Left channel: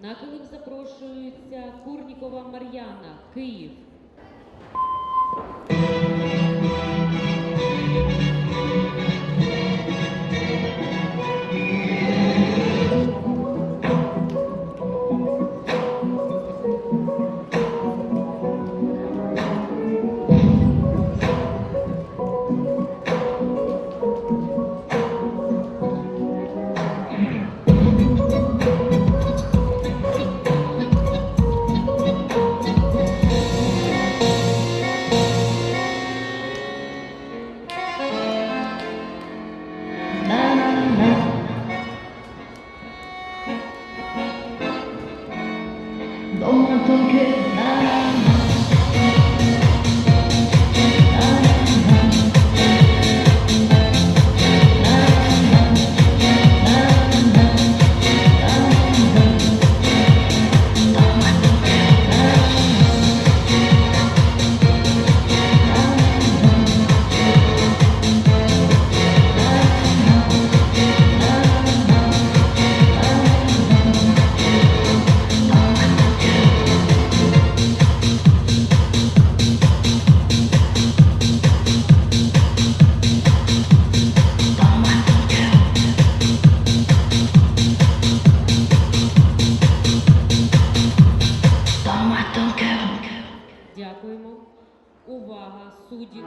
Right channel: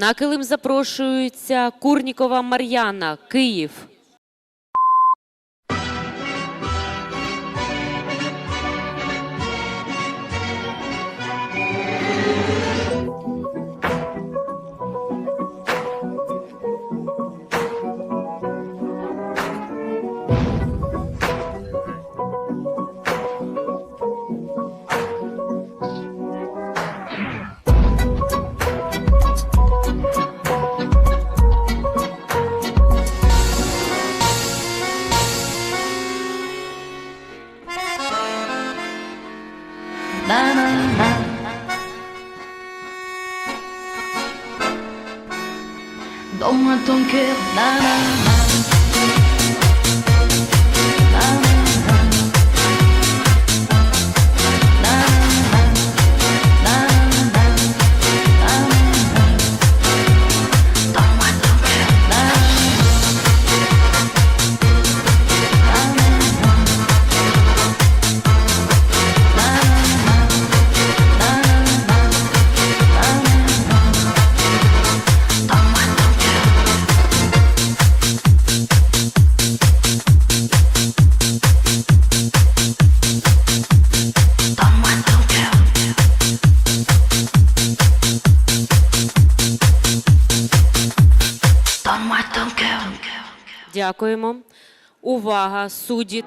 На килим запрошується Курнікова Мар'яна, Київ. 너만 통쾌 나는 Дякуємо. Увага, судді.